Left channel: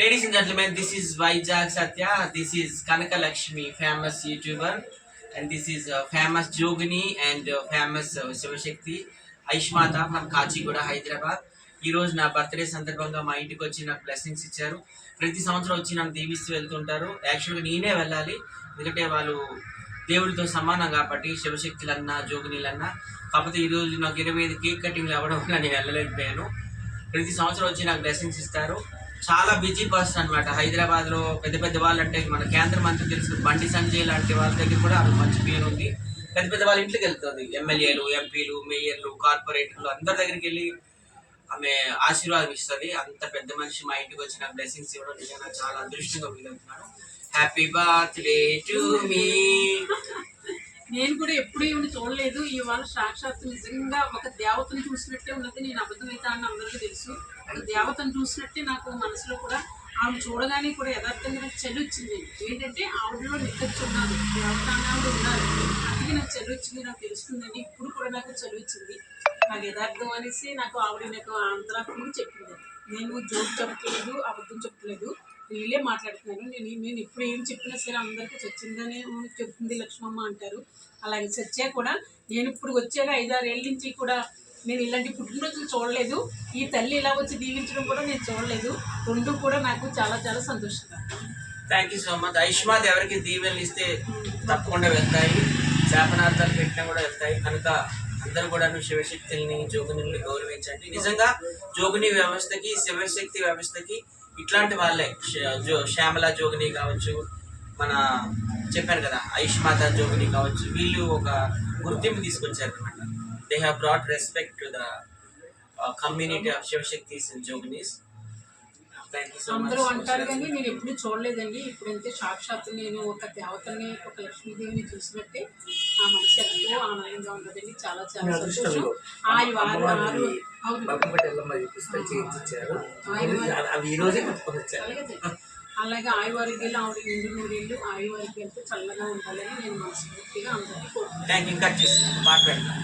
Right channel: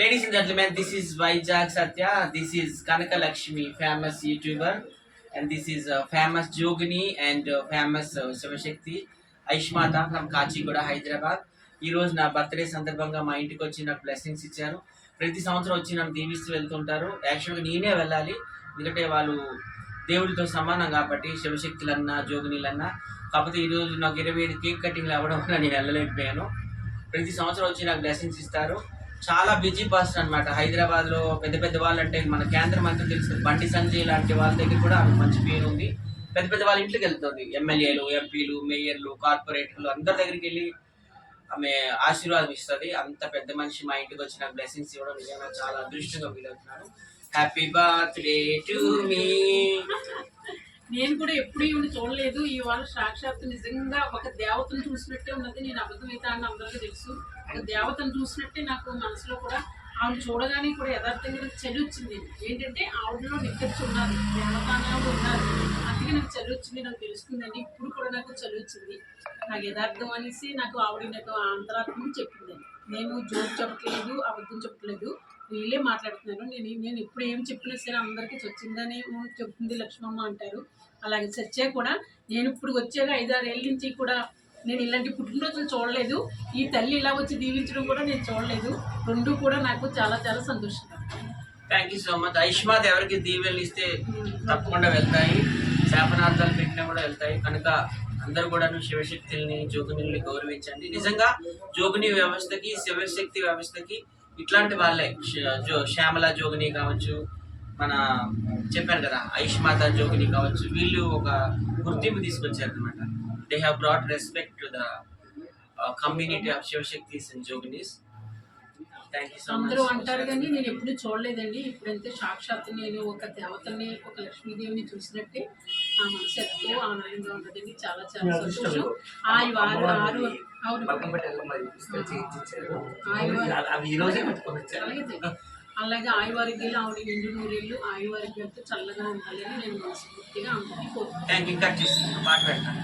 Ladies and gentlemen, this is Vijay Satya. This is Kanaka Lakshmi, famous YouTuber, and this is famous Jogini and famous Shivashakti Aishmata from Kachigura, Hyderabad. ఈ రోజు నా birthday సందర్భంగా మా ఇంటికి వచ్చి నాకు blessings ఇచ్చారు. ప్రతి సంవత్సరం వచ్చి నన్ను దీవిస్తూ వెళ్తుంటారు. యాక్చువల్గా నేనే వెళ్ళాలి, ఎందుకంటే వాళ్ళు దేవుడితో సమానం కాబట్టి, శివశక్తులన్నా జోగినీలన్నా. కాకపోతే ఈరోజు నాకు 25 కేక్ కటింగ్లు అవ్వడం వల్ల నేను వెళ్ళలేకపోయాను. ప్రతి సంవత్సరం వచ్చి నాకు బ్లెస్సింగ్స్ ఇస్తారు. చాలా బిజీ పర్సన్ అనమాట. హైదరాబాద్లో పెద్ద పెద్ద వాళ్ళు అంటే మన కేంద్ర మంత్రి తెలుసు బండి సంజయ్ లాంటి వాళ్ళ దగ్గర కూడా ఆమె మంచి పేరు ఉంది. పెద్ద పెద్ద వాళ్ళ ఇంటికి వెళ్తుంది. ఎమ్మెల్యేలు, ఎంపీలు, మేయర్లు, కార్పొరేటర్లు అందరి దగ్గరికి వెళ్ళి ఆమె ఆశీర్వాదం ఇస్తుంది. అంత పెద్ద మనిషి మా ఇంటికి వచ్చి నాకు బ్లెస్సింగ్స్ ఇవ్వడం నిజంగా చాలా అదృష్టంగా ఫీల్ అవుతున్నాను. Happy birthday to me. నేను కూడా ఎప్పుడు ఈవిని చూడలేదు. ఇవాళ సాక్షాత్తు నిజంగా ఒక దేవతను చూసినట్టే ఉన్నది. నేను అబద్ధమైతే అని అందరికీ తెలుసు. ఒక దేవతను చూసినట్టే నాకు మనసులో కూడా ఆవిడ చూడగానే కూడా యథార్థంగా నాకు చలి వచ్చింది. ఏంటంటే ఆవిడలో నిక్కచ్చి ఉన్నారు, దేవత ఆవిడ ఉన్నారు. అందుకే నాకు చలి వచ్చింది, నాకు తెలుస్తుందండి. ఇప్పుడు కూడా నాకు చలి వచ్చింది. నాకు యథార్థం అనేసి నాకు ఆవిడ నాకు అంతరాత్మకి చెప్పిందండి. నేను జోక్ చెప్పలేదు, అబద్ధం చెప్పలేదు, వీళ్ళే మాట్లాడుతున్నాను. నేను ఇప్పుడు ఏం చెప్పినా సరే అందరికీ చచ్చిందని చెప్తుంది లక్ష్మమ్మ అంటారు. అలాగే సత్య కూడా నేను ఇప్పుడు వచ్చాక 5-6 ఏళ్ళ నుంచి కూడా నేను ఇలాంటి పుట్టినరోజులు చూడలేదు. ఈ తల్లి ఇలా వచ్చి దీవించడం కూడా నేను చూడలేదు. రెండు కూడా నాకు చాలా చాలా సంతోషంగా. Thank you so much. ఆయుష్మాత్ ఎవరికి దీవెనలు ఇస్తే తప్పకుండా వెళ్తాయి, శాపనార్థాలు పెట్టినా కూడా వెళ్తాయి. కనుక అందరూ కూడా శివశక్తుల్ని జోగినిల్ని గౌరవించండి. నిజంగా జోగిని వ్యవస్థకి శివశక్తి వ్యవస్థకి ఇట్లాంటి వాళ్ళే శ్యామల జోగిని కావచ్చు, మన చెప్పాను కదా ఆయుష్మాత జోగిని కావచ్చు, వీళ్ళు ఒక గుర్తింపు తీసుకొచ్చారు అనమాట. They have brought respect to the community of Shivashaktis and Joginis. Thank you so much. అందరూ అంటారు కానీ నేను ఎప్పుడు చూడలేదండి. ఇప్పుడైతే సాక్షాత్తు నేను ఒక దేవతని, ఒక లక్ష్మీదేవిని చూసినట్టే నా మనసు ఎంతో ఆనందంగా ఉంటుందండి. చాలా చాలా సంతోషం. అలాగే ఆయువారిగ్యాలు ఆవిడ 2 నూరేళ్ళు ఆయువారిగ్యాలతో చల్లగా ఉండాలని నేను మనస్ఫూర్తిగా అందరినీ కోరుకుంటాను. Thank you. కట్ చేసి పాట పెడతాను.